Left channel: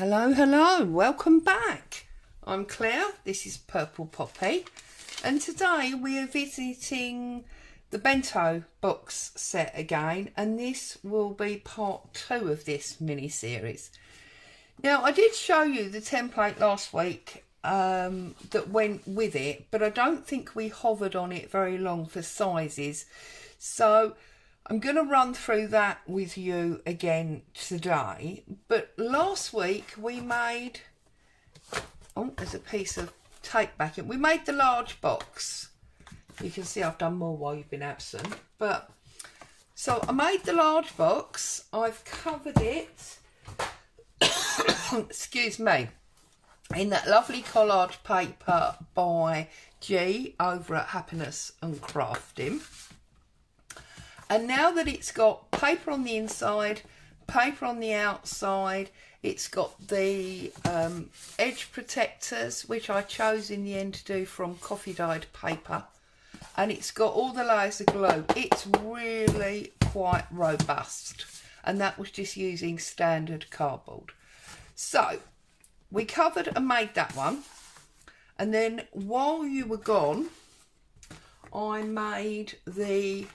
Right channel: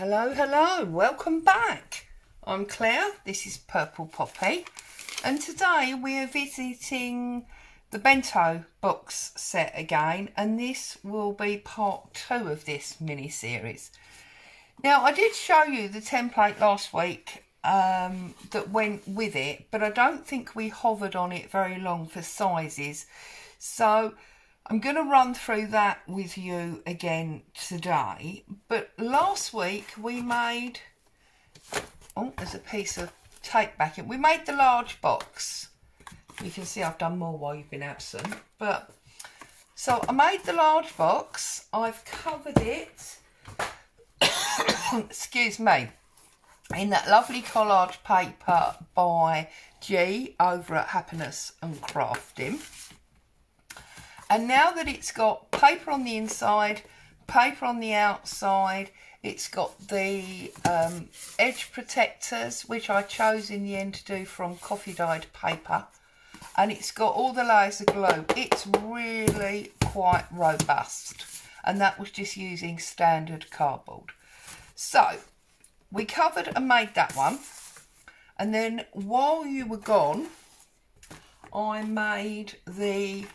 Hello, hello, welcome back. I'm Claire, this is Purple Poppy, and today we are visiting the Bento Box set again, and this will be part 2 of this mini-series. Now, I did show you the template last week that went with it, but I don't think we hovered on it very long for sizes, so I'm going to run through that with you again today. But last week we made, oh, there's a piece of tape back in. We made the large box. You can see I've done more while you've been absent. But so I made the large box. I've covered it, excuse me, in that lovely collage paper by G over at Happiness and Crafting. And now that it's got paper on the inside, paper on the outside, it's got the edge protectors, which I chose in the end to do from coffee dyed paper. And it's got all the layers of glue. It's really quite robust. And that was just using standard cardboard. So, we covered and made that one. And then while you were gone, I made the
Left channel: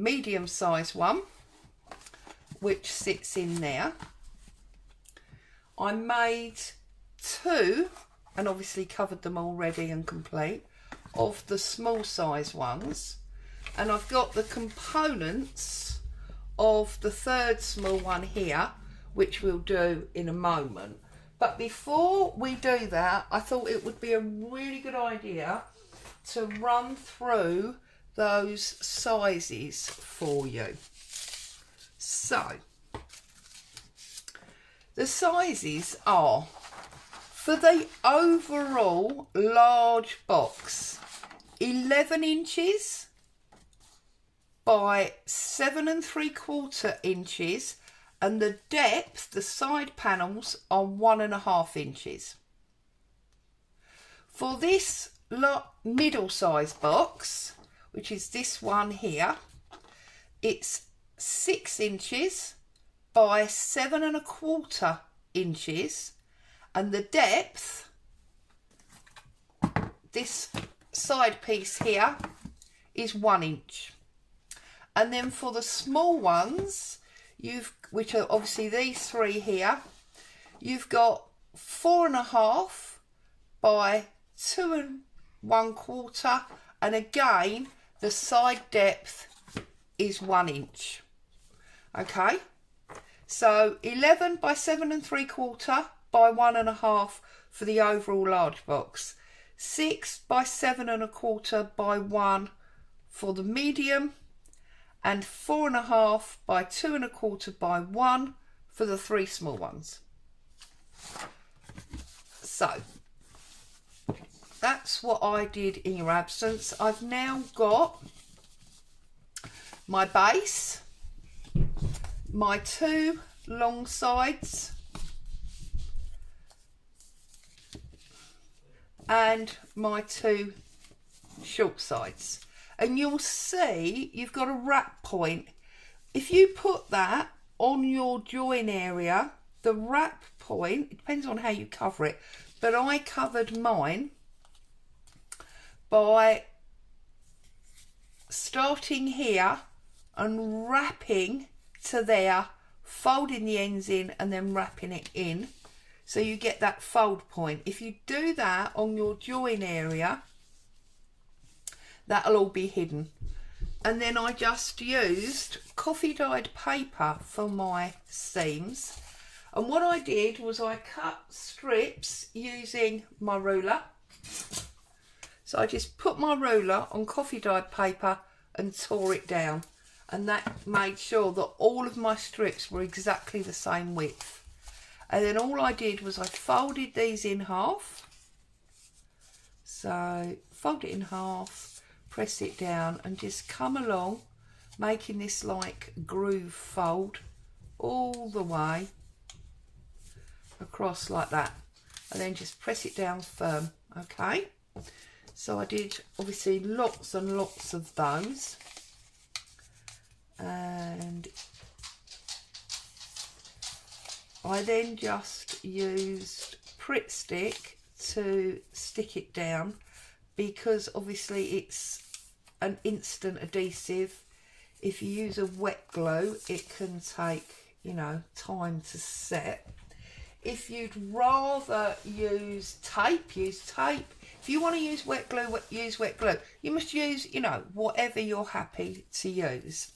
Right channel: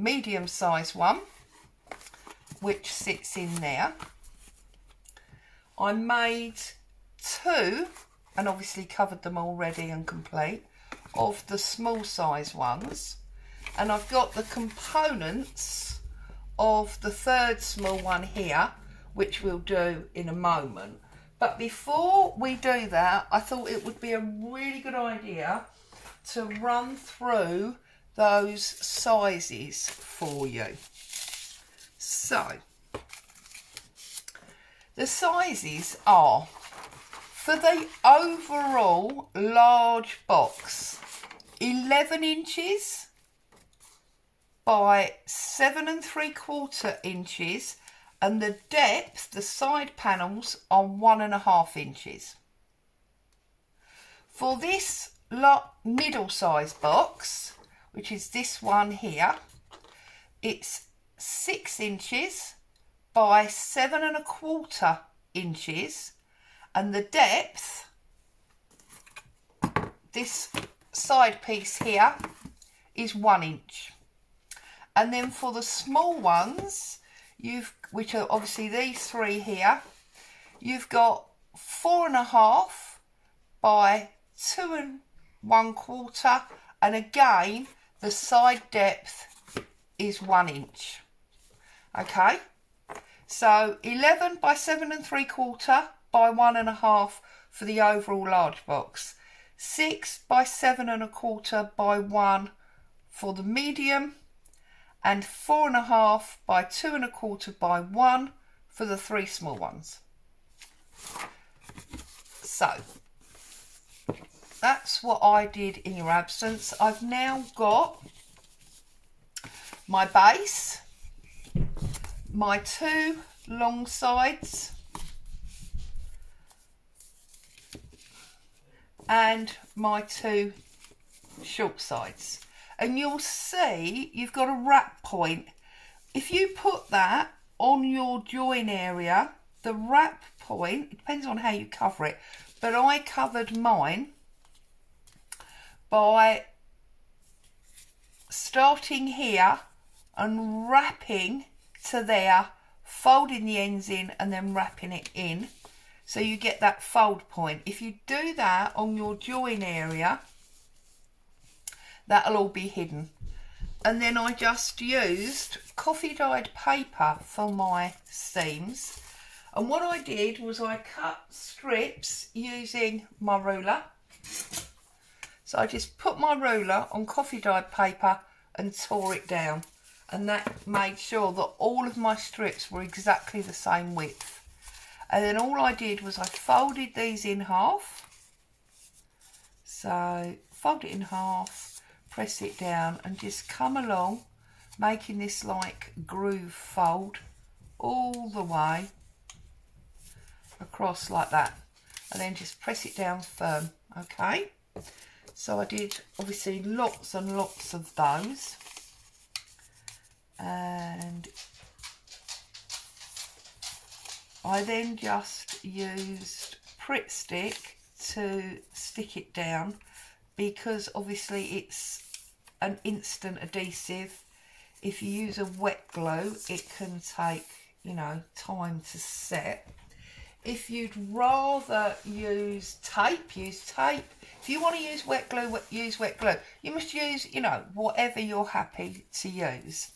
medium size one, which sits in there. I made 2, and obviously covered them already and complete, of the small size ones, and I've got the components of the 3rd small one here, which we'll do in a moment. But before we do that, I thought it would be a really good idea to run through those sizes for you. So the sizes are, for the overall large box, 11 inches by 7 3/4 inches, and the depth, the side panels, are 1.5 inches. For this middle size box, which is this one here, it's 6 inches by 7 1/4 inches, and the depth, this side piece here, is 1 inch. And then for the small ones, which are obviously these 3 here, you've got 4.5 by 2 1/4, and again the side depth is 1 inch. Okay, so 11 by 7 3/4 by 1.5 for the overall large box, 6 by 7 1/4 by 1 for the medium, and 4.5 by 2 1/4 by 1 for the 3 small ones. So that's what I did in your absence. I've now got my base, my 2 long sides, and my 2 short sides. And you'll see you've got a wrap point. If you put that on your join area, the wrap point, it depends on how you cover it, but I covered mine by starting here and wrapping to there, folding the ends in and then wrapping it in, so you get that fold point. If you do that on your join area, that'll all be hidden. And then I just used coffee dyed paper for my seams, and what I did was I cut strips using my ruler. So I just put my ruler on coffee dyed paper and tore it down, and that made sure that all of my strips were exactly the same width. And then all I did was I folded these in half. So fold it in half, press it down, and just come along, making this like groove fold all the way across like that, and then just press it down firm. Okay, so I did obviously lots and lots of those, and I then just used Pritt Stick to stick it down, because obviously it's an instant adhesive. If you use a wet glue, it can take, you know, time to set. If you'd rather use tape, use tape. If you want to use wet glue, use wet glue. You must use, you know, whatever you're happy to use.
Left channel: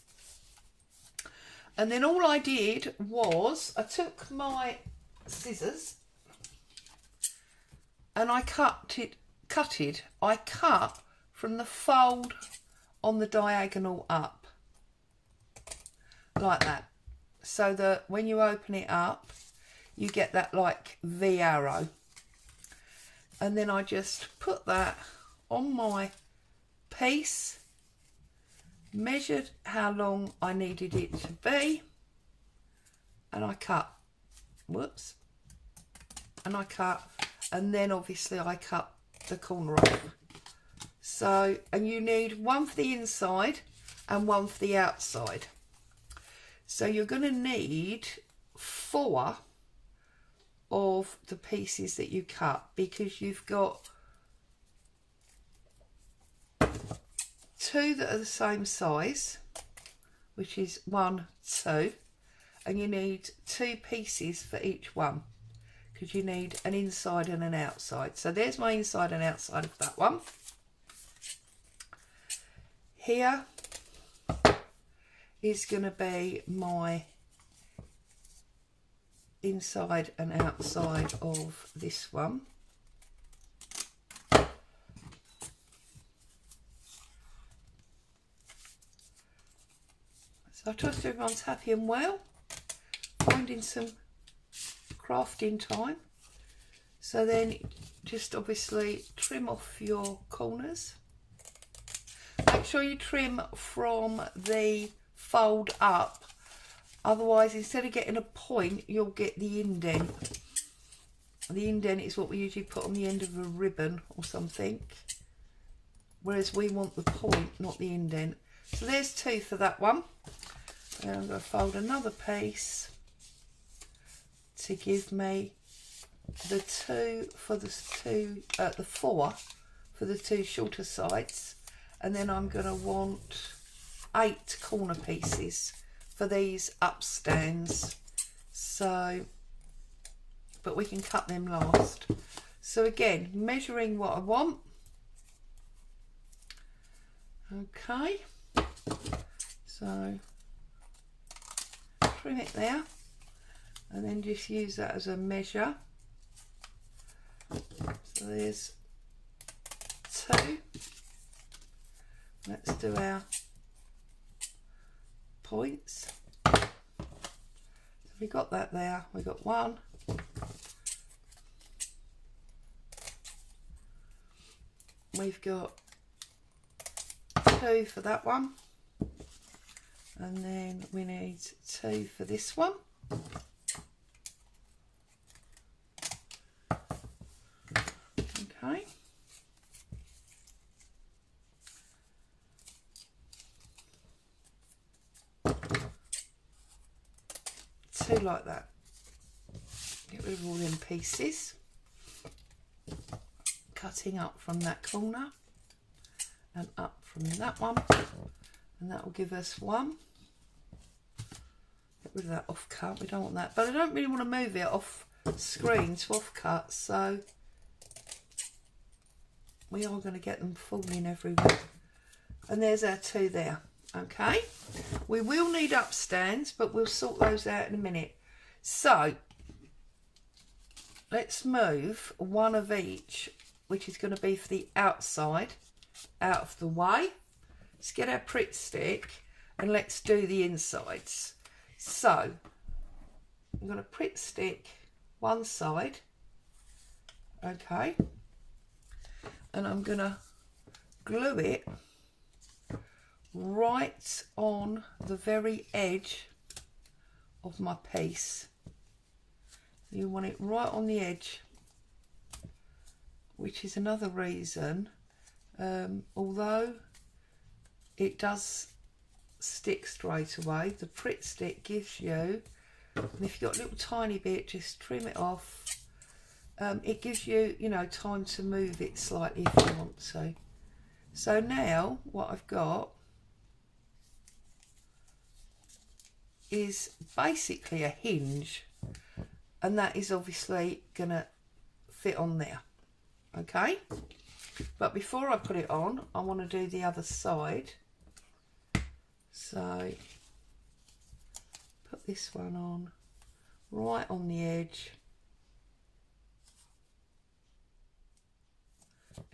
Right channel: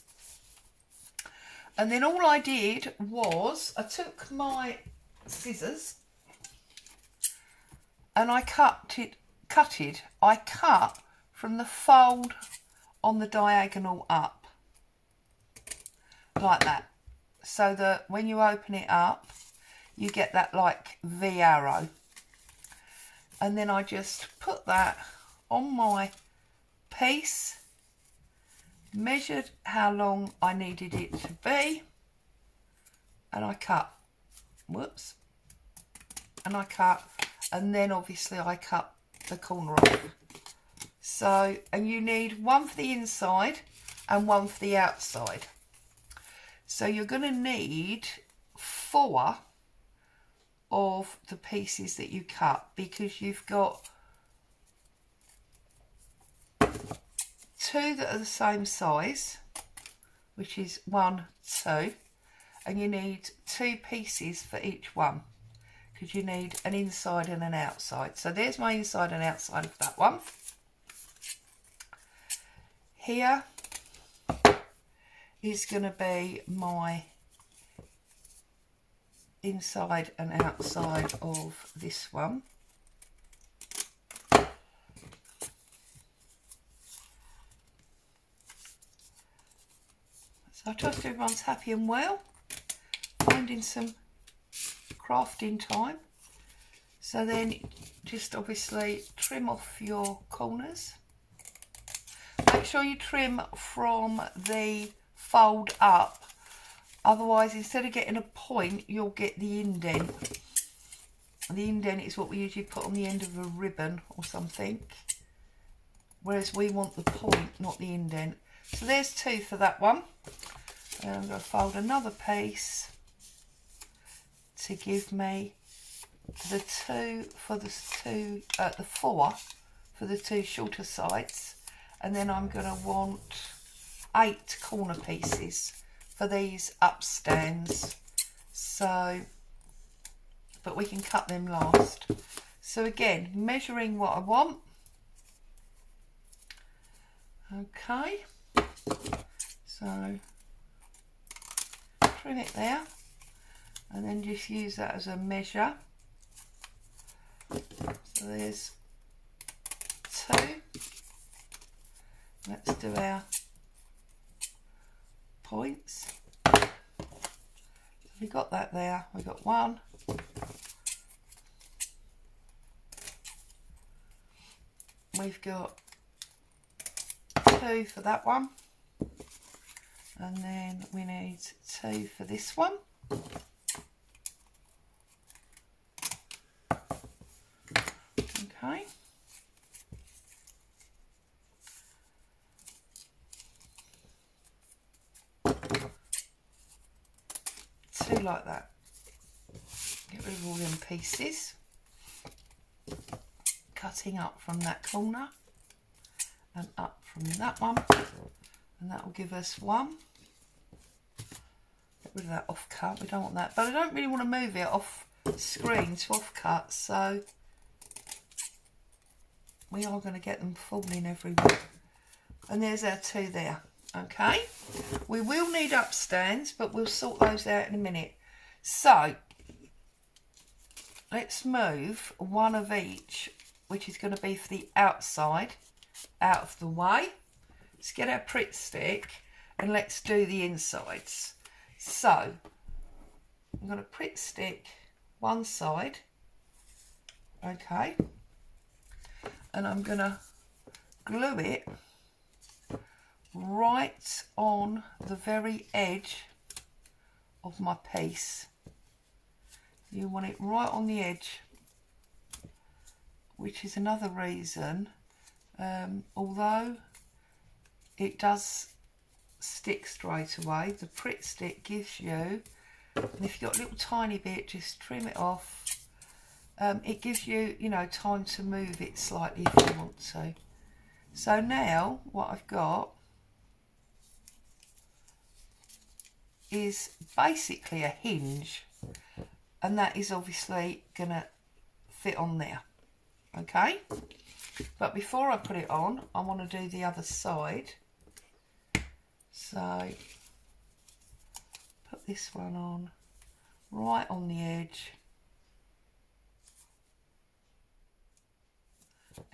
And then all I did was I took my scissors and I cut from the fold on the diagonal up, like that, so that when you open it up, you get that like V arrow. And then I just put that on my piece, measured how long I needed it to be, and I cut. Whoops. And I cut, and then obviously I cut the corner off. So, and you need one for the inside and one for the outside. So you're going to need 4 of the pieces that you cut, because you've got 2 that are the same size, which is 1, 2, and you need 2 pieces for each one, because you need an inside and an outside. So there's my inside and outside of that one. Here is going to be my inside and outside of this one. So I trust everyone's happy and well, finding some crafting time. So then just obviously trim off your corners. Make sure you trim from the fold up, otherwise instead of getting a point, you'll get the indent. The indent is what we usually put on the end of a ribbon or something, whereas we want the point, not the indent. So there's 2 for that one. And I'm going to fold another piece to give me the 2 for the 4 for the 2 shorter sides. And then I'm going to want 8 corner pieces for these upstands. So, but we can cut them last. So again, measuring what I want. Okay. So, trim it there. And then just use that as a measure. So there's 2. Let's do our points. So we got that there. We got 1. We've got 2 for that one. And then we need 2 for this one. Okay. 2 like that. Get rid of all them pieces. Cutting up from that corner and up from that one, and that will give us 1. Get rid of that off cut, we don't want that, but I don't really want to move it off screen to off cut, so we are going to get them falling everywhere. And there's our 2 there. Okay, we will need upstands, but we'll sort those out in a minute. So let's move 1 of each, which is going to be for the outside, out of the way. Let's get our Pritt Stick and let's do the insides. So I'm going to Pritt Stick one side, okay, and I'm going to glue it right on the very edge of my piece. You want it right on the edge, which is another reason, although it does stick straight away, the Pritt Stick gives you And if you've got a little tiny bit, just trim it off. It gives you, you know, time to move it slightly if you want to. So now what I've got is basically a hinge, and that is obviously going to fit on there. Okay, but before I put it on, I want to do the other side. So put this one on right on the edge.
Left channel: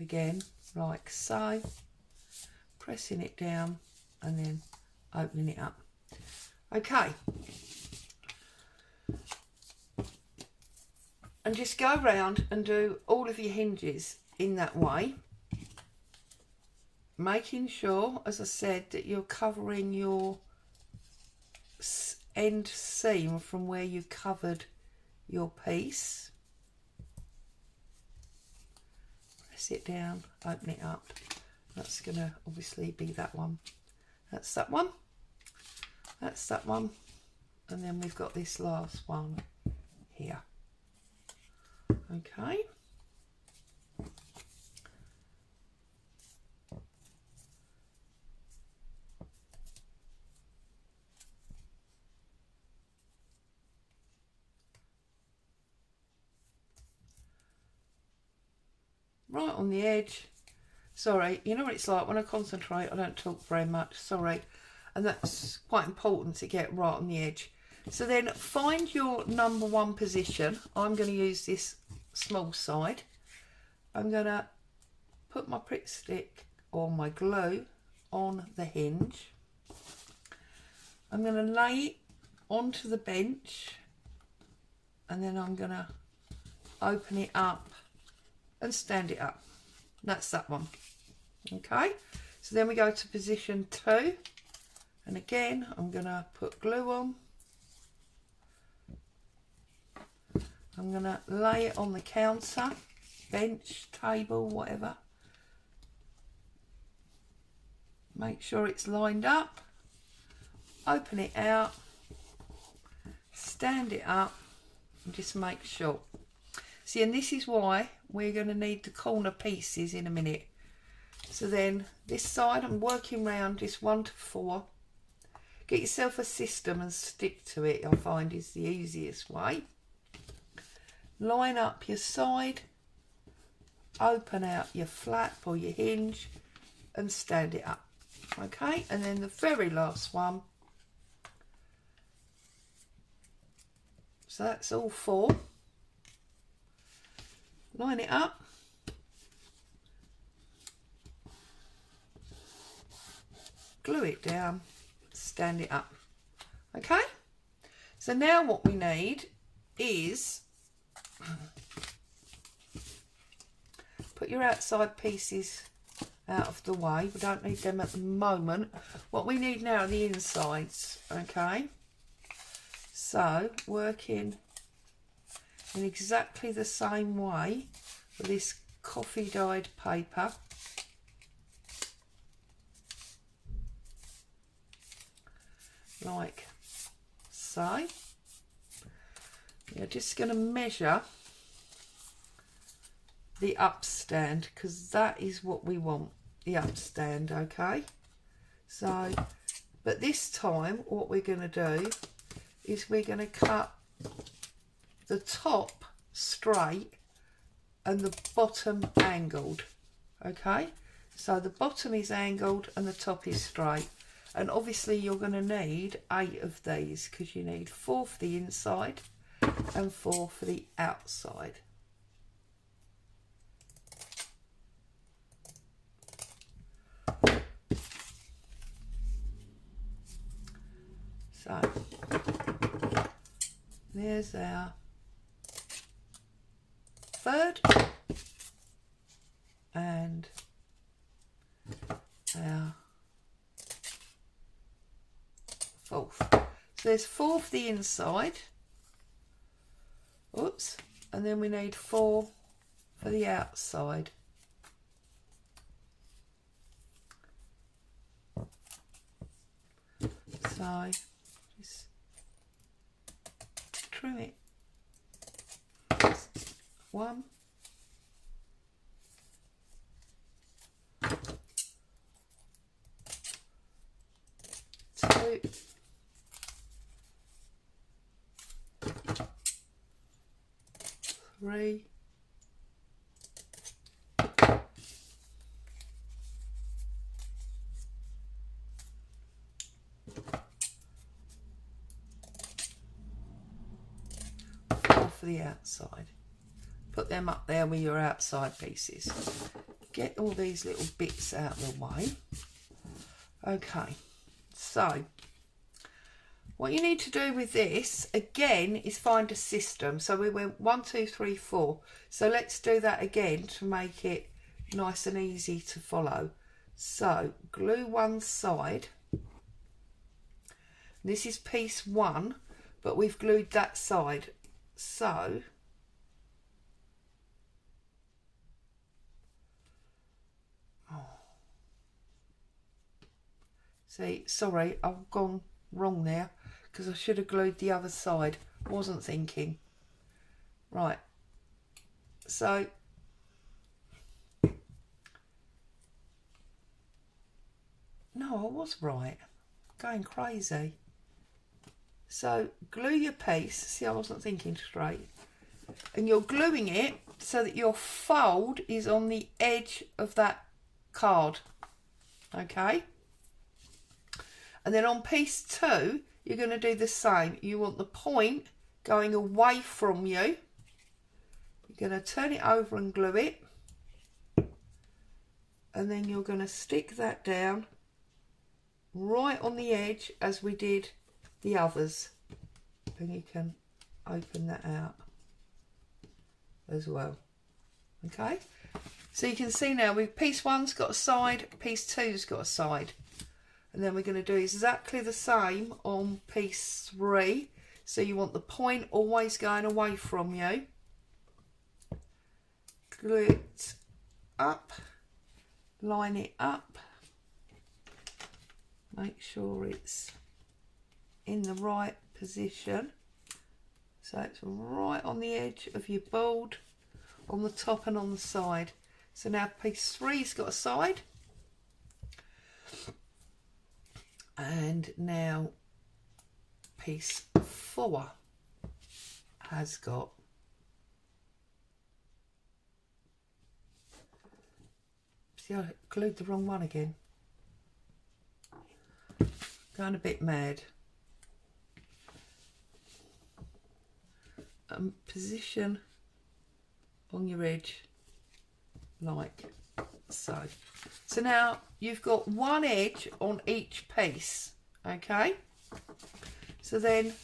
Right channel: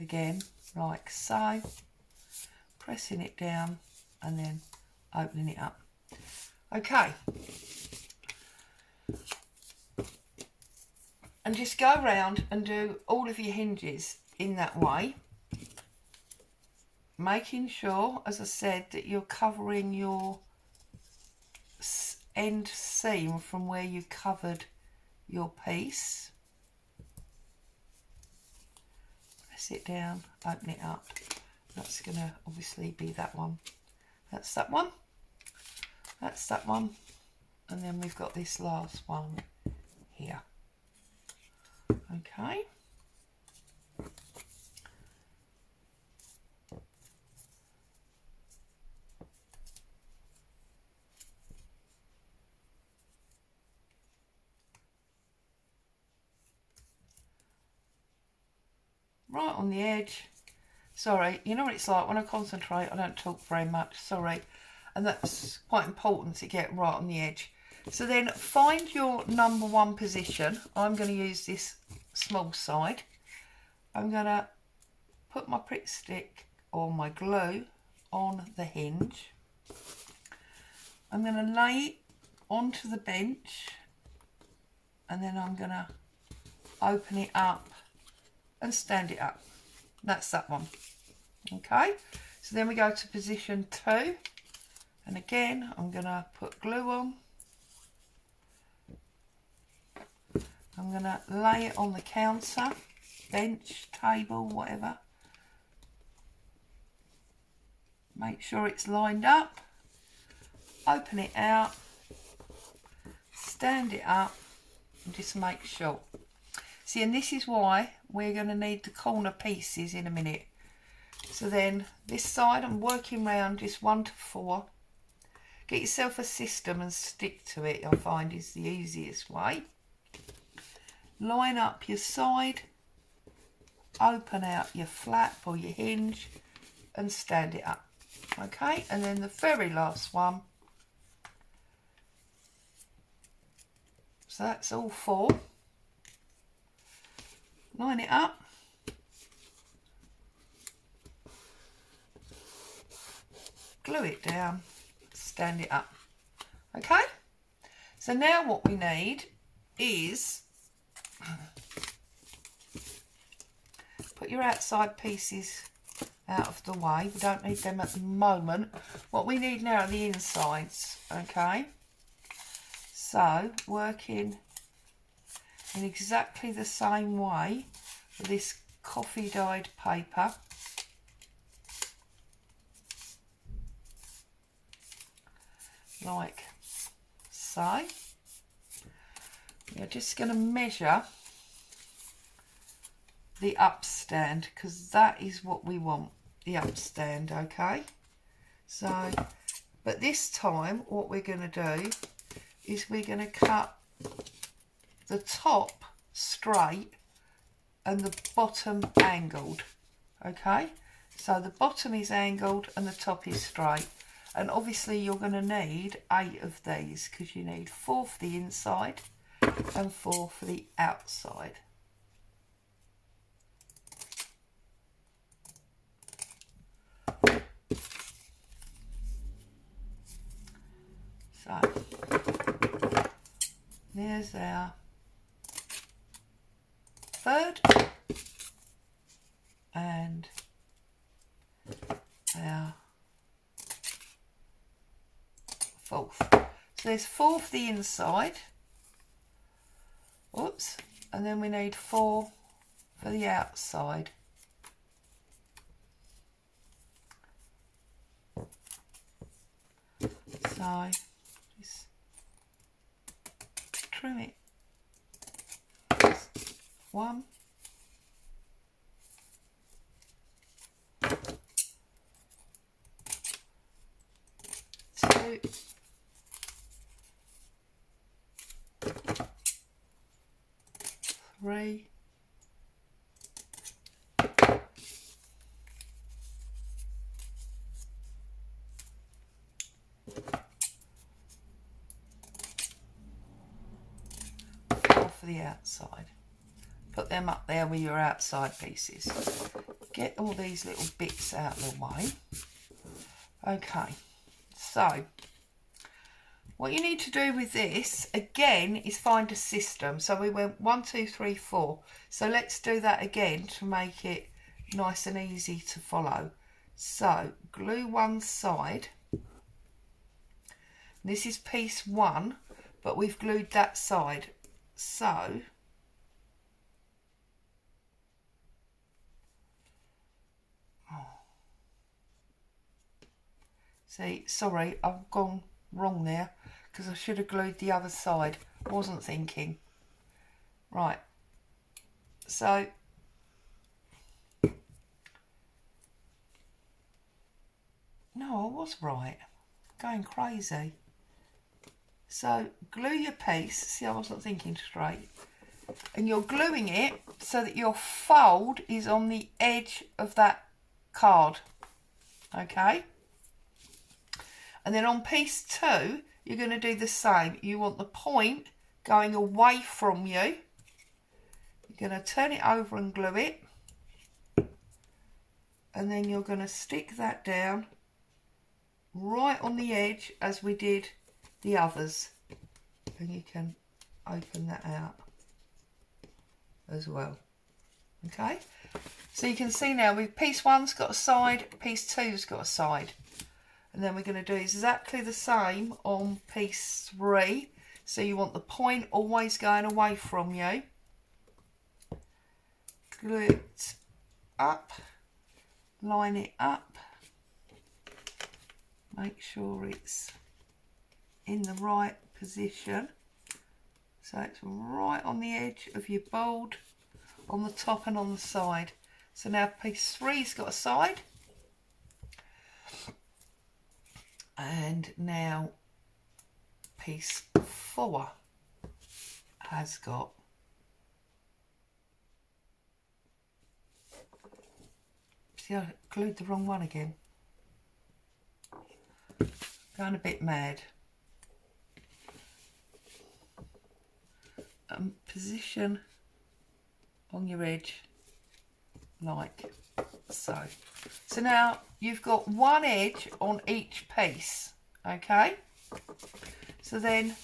Again, like so, pressing it down and then opening it up. Okay, and just go around and do all of your hinges in that way, making sure, as I said, that you're covering your end seam from where you covered your piece. Press it down, open it up. That's going to obviously be that one. That's that one. That's that one. And then we've got this last one here. Okay. Right on the edge. Sorry, you know what it's like when I concentrate, I don't talk very much, sorry. And that's quite important to get right on the edge. So then find your number one position. I'm going to use this small side. I'm going to put my Pritt stick or my glue on the hinge. I'm going to lay it onto the bench, and then I'm going to open it up and stand it up. That's that one. Okay, so then we go to position 2, and again I'm going to put glue on. I'm going to lay it on the counter, bench, table, whatever. Make sure it's lined up. Open it out. Stand it up and just make sure. See, and this is why we're going to need the corner pieces in a minute. So then this side, I'm working round just 1 to 4. Get yourself a system and stick to it, I find is the easiest way. Line up your side, open out your flap or your hinge and stand it up. Okay, and then the very last one. So that's all 4. Line it up. Glue it down, stand it up. Okay, so now what we need is put your outside pieces out of the way. We don't need them at the moment. What we need now are the insides. Okay, so working in exactly the same way with this coffee dyed paper. Like so. You're just going to measure the upstand, because that is what we want, the upstand. Okay, so but this time what we're going to do is we're going to cut the top straight and the bottom angled. Okay, so the bottom is angled and the top is straight. And obviously you're going to need 8 of these, because you need 4 for the inside and 4 for the outside. So there's our third and our 4th. So there's 4 for the inside. Oops. And then we need 4 for the outside. So just trim it. 1, 2, 3, 4 for the outside. Put them up there with your outside pieces. Get all these little bits out of the way. Okay, so what you need to do with this again is find a system. So we went 1, 2, 3, 4. So let's do that again to make it nice and easy to follow. So glue one side. This is piece 1, but we've glued that side. So see, sorry, I've gone wrong there because I should have glued the other side. I wasn't thinking. Right, so no, I was right. Going crazy. So glue your piece. See, I wasn't thinking straight. And you're gluing it so that your fold is on the edge of that card. Okay? And then on piece 2, you're going to do the same. You want the point going away from you. You're going to turn it over and glue it. And then you're going to stick that down right on the edge as we did the others. And you can open that out as well. Okay? So you can see now with piece 1's got a side, piece 2's got a side. And then we're going to do exactly the same on piece 3. So you want the point always going away from you. Glue it up, line it up, make sure it's in the right position. So it's right on the edge of your board, on the top and on the side. So now piece 3's got a side. And now piece 4 has got see, I glued the wrong one again. Going a bit mad. Position on your edge like so. So now you've got one edge on each piece, okay? So then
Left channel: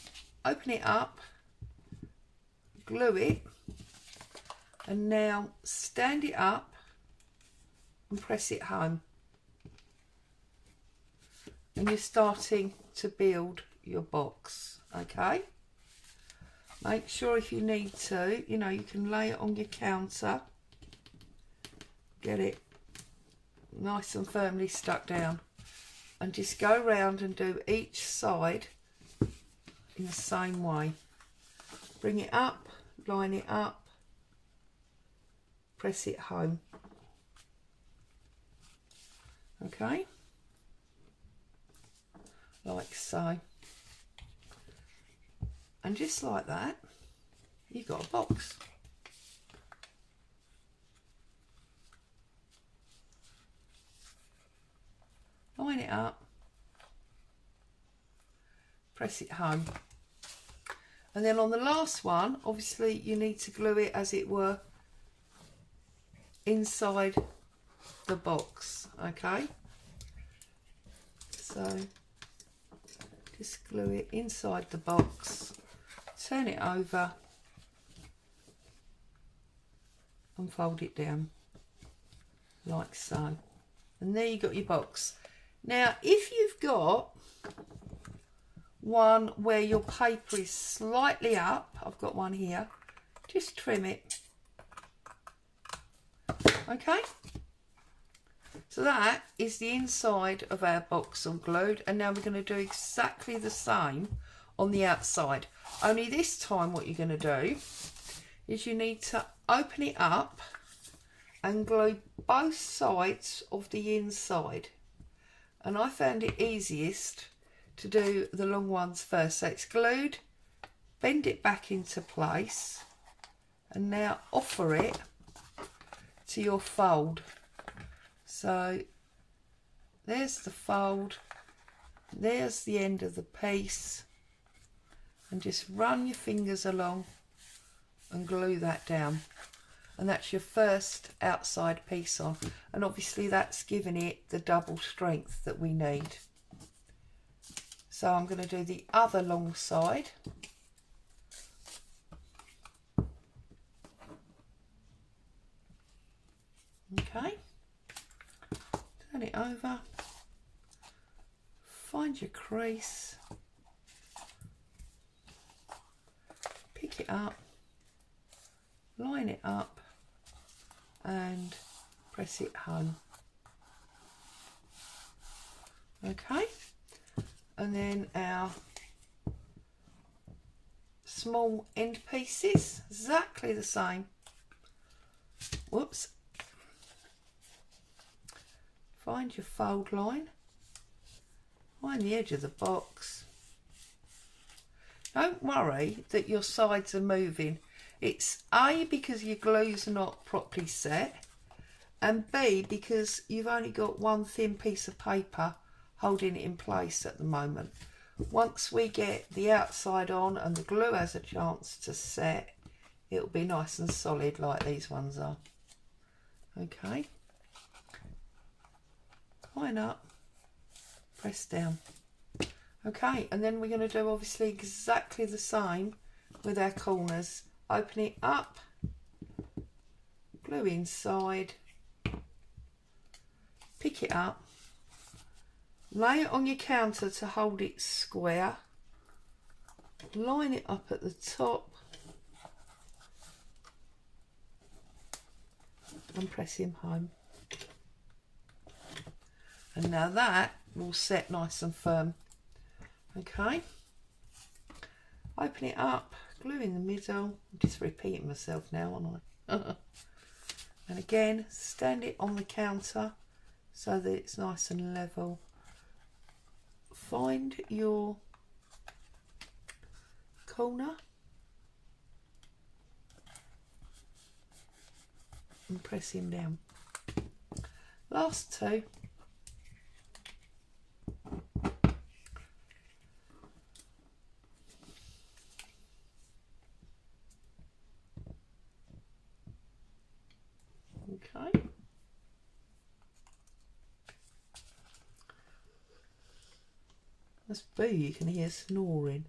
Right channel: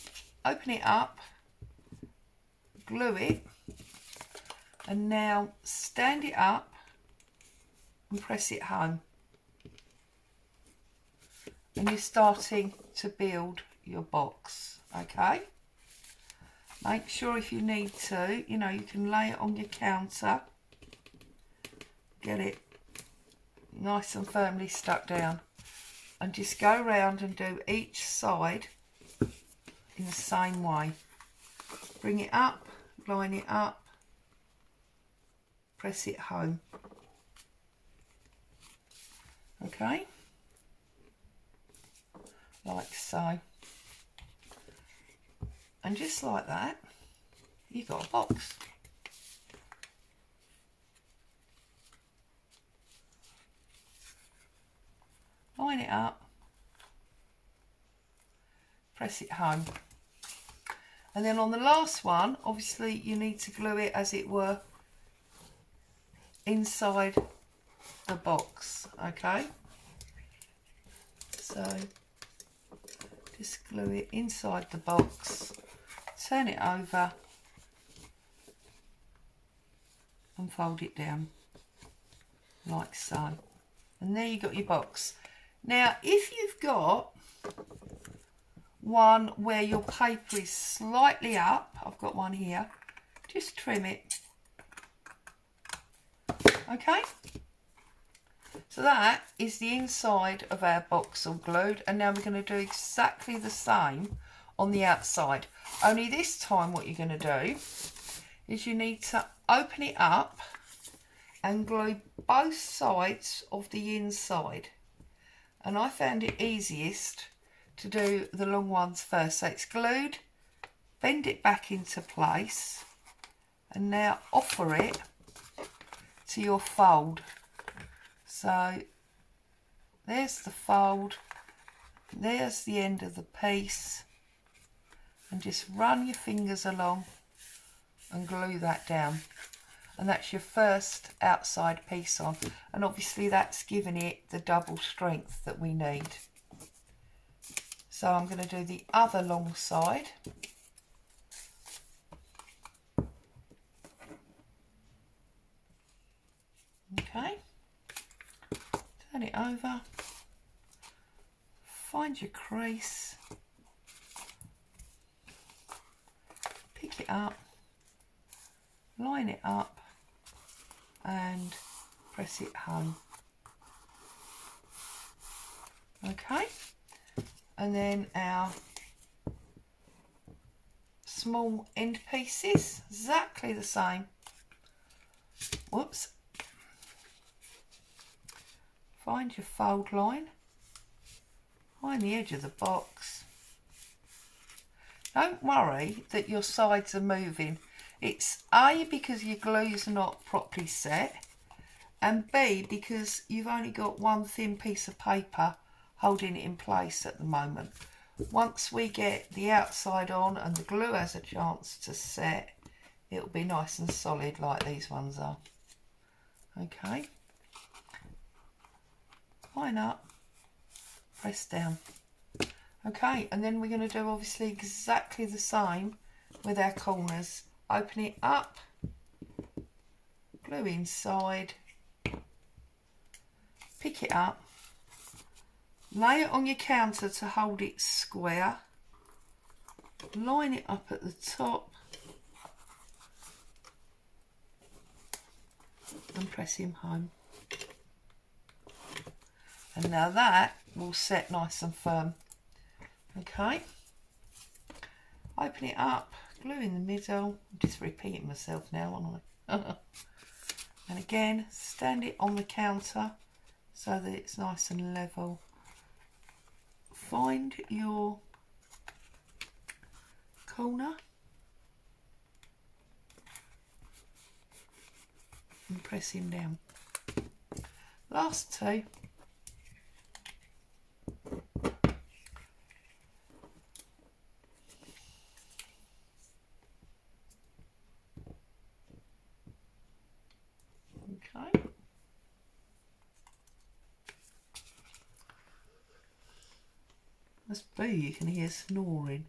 open it up, glue it, and now stand it up and press it home. And you're starting to build your box, okay? Make sure if you need to, you know, you can lay it on your counter, get it nice and firmly stuck down, and just go around and do each side in the same way. Bring it up, line it up, press it home. Okay, like so. And just like that, you've got a box. Line it up, press it home. And then on the last one, obviously you need to glue it as it were inside the box, okay? So just glue it inside the box, turn it over and fold it down like so. And there you got your box. Now if you've got one where your paper is slightly up, I've got one here, just trim it. Okay, so that is the inside of our box all glued, and now we're going to do exactly the same on the outside. Only this time what you're going to do is you need to open it up and glue both sides of the inside. And I found it easiest to do the long ones first. So it's glued, bend it back into place, and now offer it to your fold. So there's the fold, there's the end of the piece, and just run your fingers along and glue that down. And that's your first outside piece on, and obviously that's giving it the double strength that we need. So I'm going to do the other long side. Okay, turn it over, find your crease, pick it up, line it up and press it home. Okay, and then our small end pieces, exactly the same. Whoops. Find your fold line, find the edge of the box. Don't worry that your sides are moving. It's A, because your glue's not properly set, and B, because you've only got one thin piece of paper holding it in place at the moment. Once we get the outside on and the glue has a chance to set, it'll be nice and solid like these ones are. Okay. Line up, press down. Okay, and then we're going to do obviously exactly the same with our corners. Open it up, glue inside, pick it up, lay it on your counter to hold it square, line it up at the top and press him home. And now that will set nice and firm. Okay, open it up, glue in the middle. I'm just repeating myself now, aren't I? And again, stand it on the counter so that it's nice and level. Find your corner and press him down. Last two. Okay. Must be you can hear snoring.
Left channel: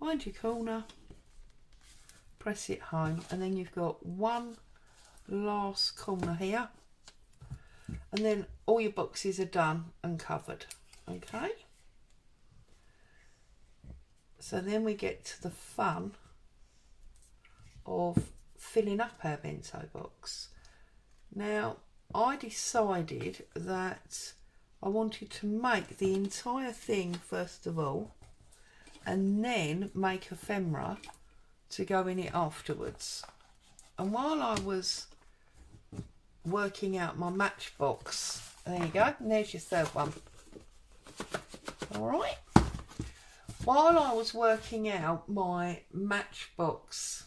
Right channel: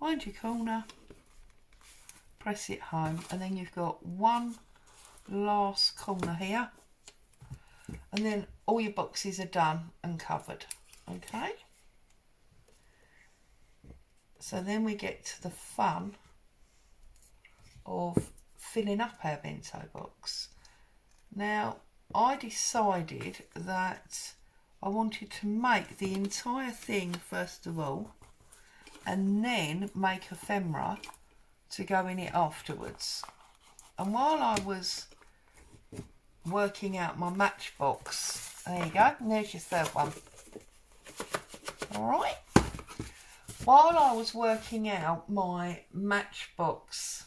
Find your corner, press it home, and then you've got one last corner here, and then all your boxes are done and covered. Okay. So then we get to the fun of filling up our bento box. Now, I decided that I wanted to make the entire thing first of all, and then make ephemera to go in it afterwards. And while I was working out my Matchbox, there you go, and there's your third one. All right. While I was working out my Matchbox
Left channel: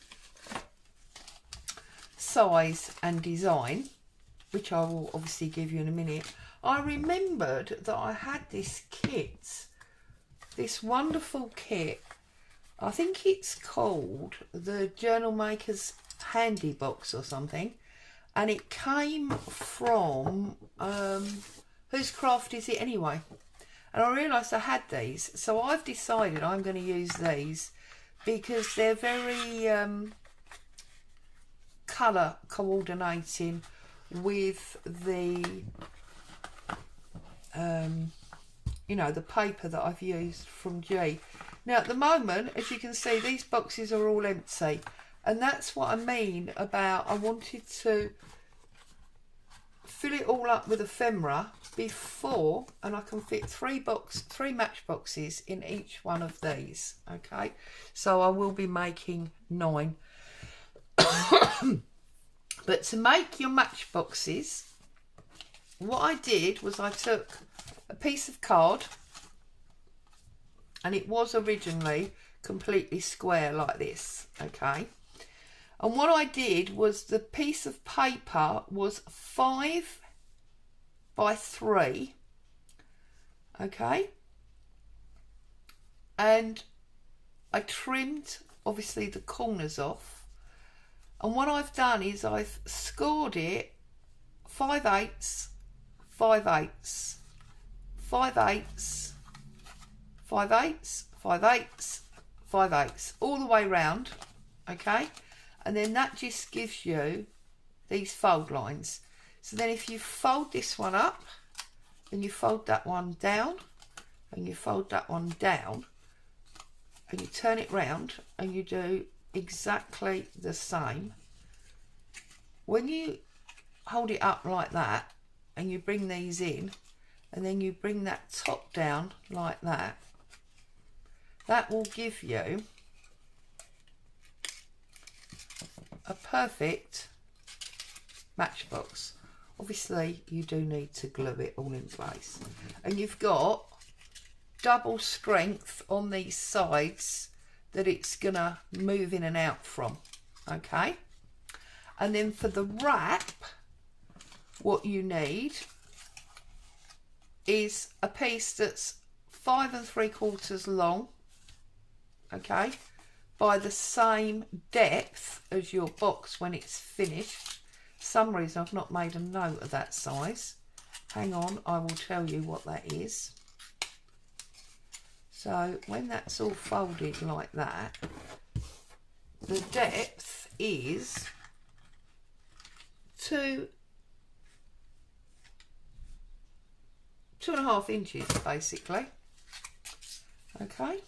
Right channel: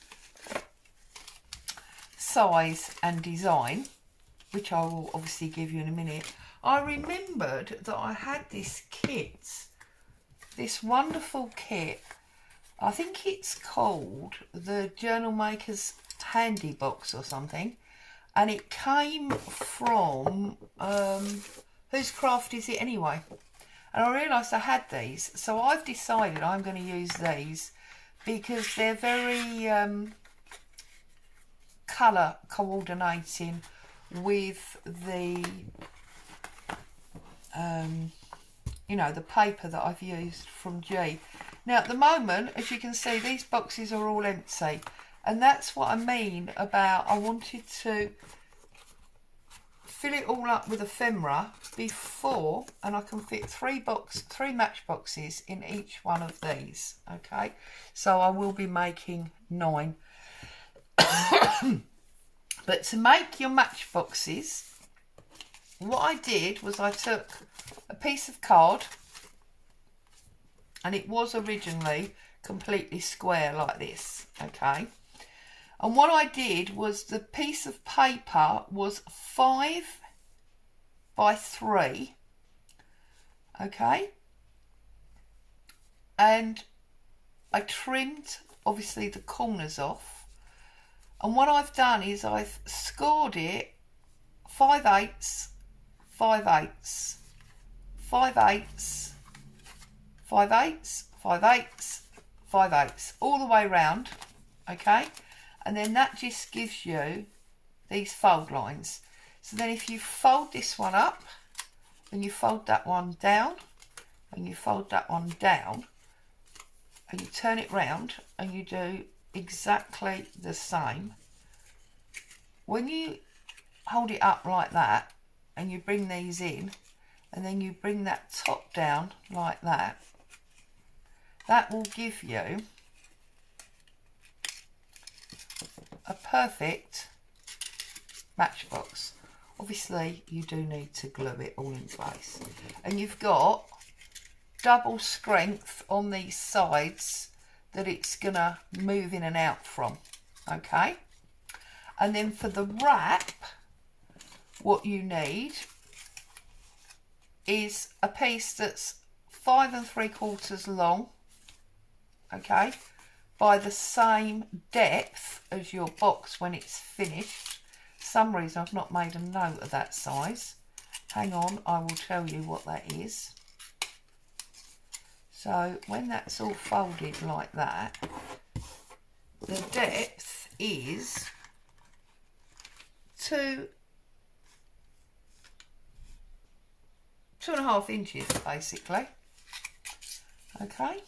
size and design, which I will obviously give you in a minute, I remembered that I had this kit, this wonderful kit. I think it's called the Journal Maker's Handy Box or something, and it came from whose craft is it anyway? And I realised I had these, so I've decided I'm going to use these because they're very colour coordinating with the you know, the paper that I've used from G. Now at the moment, as you can see, these boxes are all empty, and that's what I mean about I wanted to fill it all up with ephemera before, and I can fit three matchboxes in each one of these. Okay, so I will be making 9. But to make your matchboxes, what I did was I took a piece of card, and it was originally completely square like this, okay, and what I did was the piece of paper was 5 by 3, okay, and I trimmed obviously the corners off. And what I've done is I've scored it 5/8, 5/8, 5/8, 5/8, 5/8, 5/8, all the way round, okay? And then that just gives you these fold lines. So then if you fold this one up, and you fold that one down, and you fold that one down, and you turn it round, and you do exactly the same. When you hold it up like that and you bring these in, and then you bring that top down like that, that will give you a perfect matchbox. Obviously you do need to glue it all in place, and you've got double strength on these sides that it's gonna move in and out from, okay? And then for the wrap, what you need is a piece that's 5 3/4 long, okay, by the same depth as your box when it's finished. For some reason I've not made a note of that size. Hang on, I will tell you what that is. So when that's all folded like that, the depth is 2.5 inches basically. Okay,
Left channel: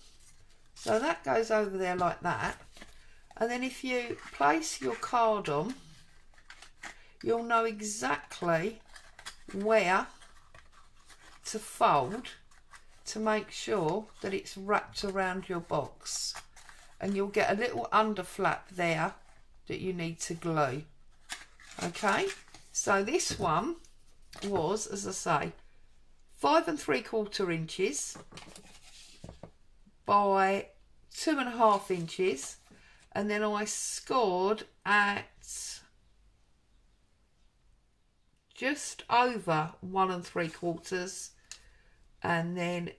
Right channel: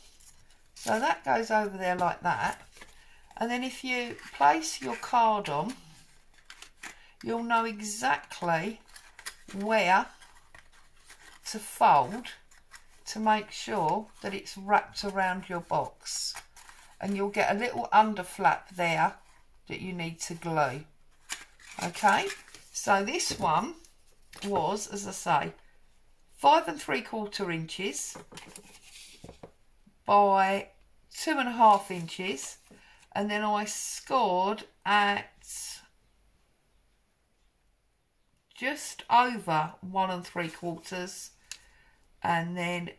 so that goes over there like that, and then if you place your card on, you'll know exactly where to fold to make sure that it's wrapped around your box, and you'll get a little under flap there that you need to glue. Okay, so this one was, as I say, 5 3/4 inches by 2.5 inches, and then I scored at just over 1 3/4, and then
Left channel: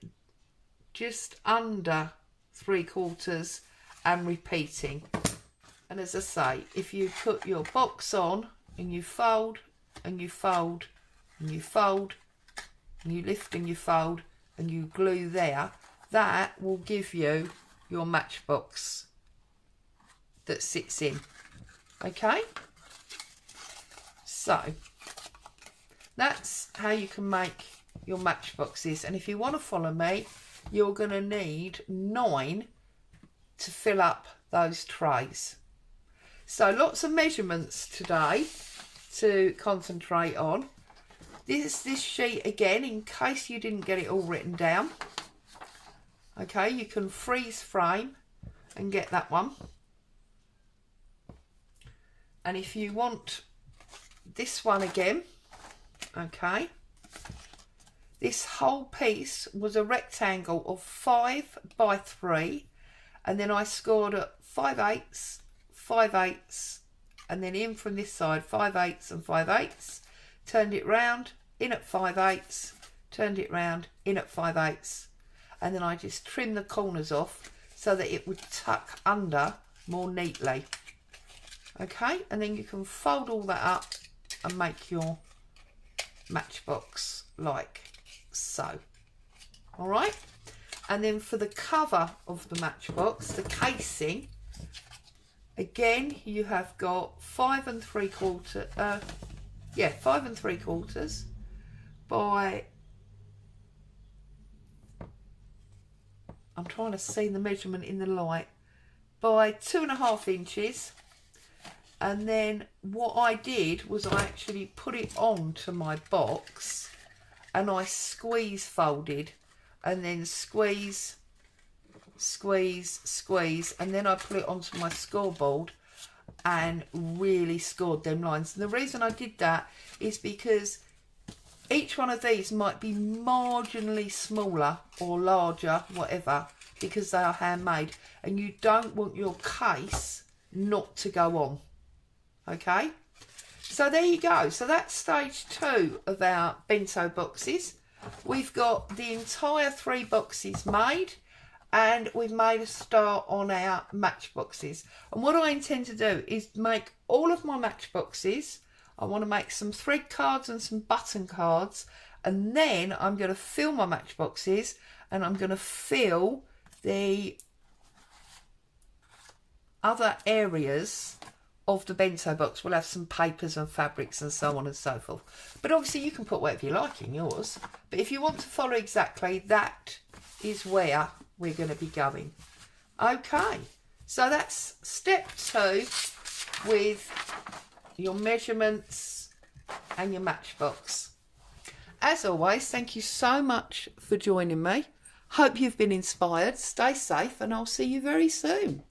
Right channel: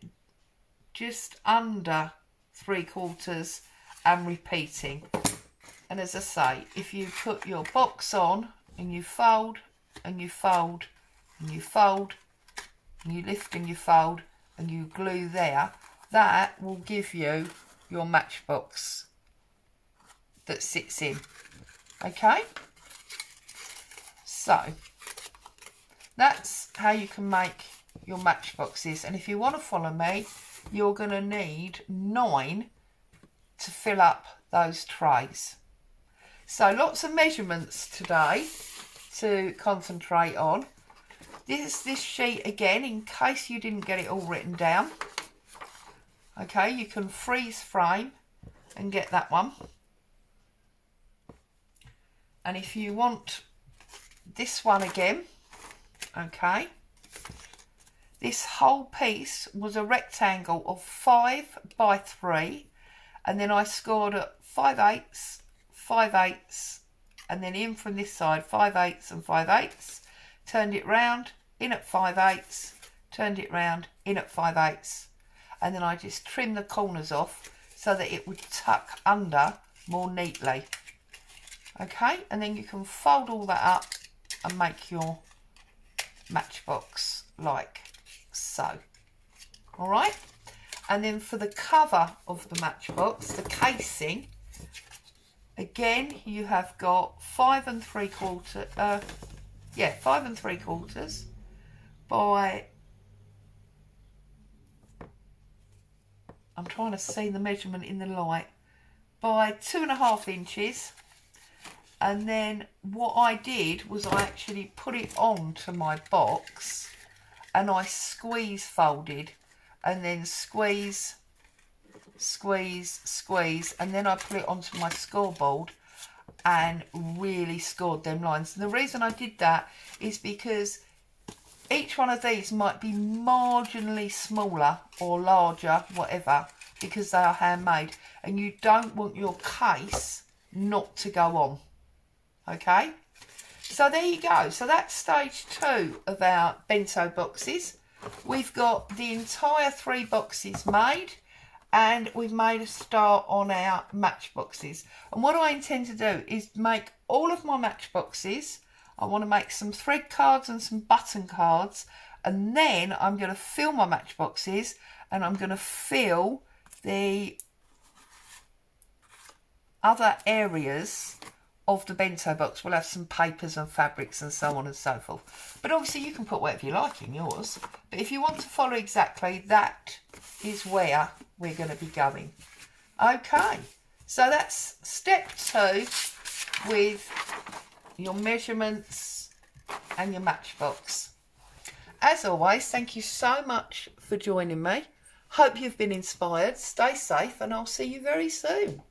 just under 3/4, and repeating. And as I say, if you put your box on and you fold and you fold and you fold and you lift and you fold and you glue there, that will give you your matchbox that sits in. Okay, so that's how you can make your matchboxes, and if you want to follow me, you're going to need 9 to fill up those trays. So lots of measurements today to concentrate on. This sheet again, in case you didn't get it all written down. Okay, you can freeze frame and get that one. And if you want this one again, okay, this whole piece was a rectangle of 5 by 3, and then I scored at 5/8, 5/8, and then in from this side 5/8 and 5/8, turned it round, in at 5/8, turned it round, in at 5/8, and then I just trimmed the corners off so that it would tuck under more neatly. Okay, and then you can fold all that up and make your matchbox like so. All right, and then for the cover of the matchbox, the casing, again you have got 5 3/4, 5 3/4 by, I'm trying to see the measurement in the light, by 2.5 inches, And then what I did was I actually put it onto my box and I squeeze folded and then squeeze, squeeze, squeeze, and then I put it onto my scoreboard and really scored them lines. And the reason I did that is because each one of these might be marginally smaller or larger, whatever, because they are handmade, and you don't want your case not to go on. Okay, so there you go. So that's stage 2 of our bento boxes. We've got the entire 3 boxes made, and we've made a start on our matchboxes. And what I intend to do is make all of my matchboxes. I want to make some thread cards and some button cards, and then I'm going to fill my matchboxes, and I'm going to fill the other areas of the bento box. We'll have some papers and fabrics and so on and so forth. But obviously you can put whatever you like in yours. But if you want to follow exactly, that is where we're going to be going. Okay, so that's step 2 with your measurements and your matchbox. As always, thank you so much for joining me. Hope you've been inspired. Stay safe, and I'll see you very soon.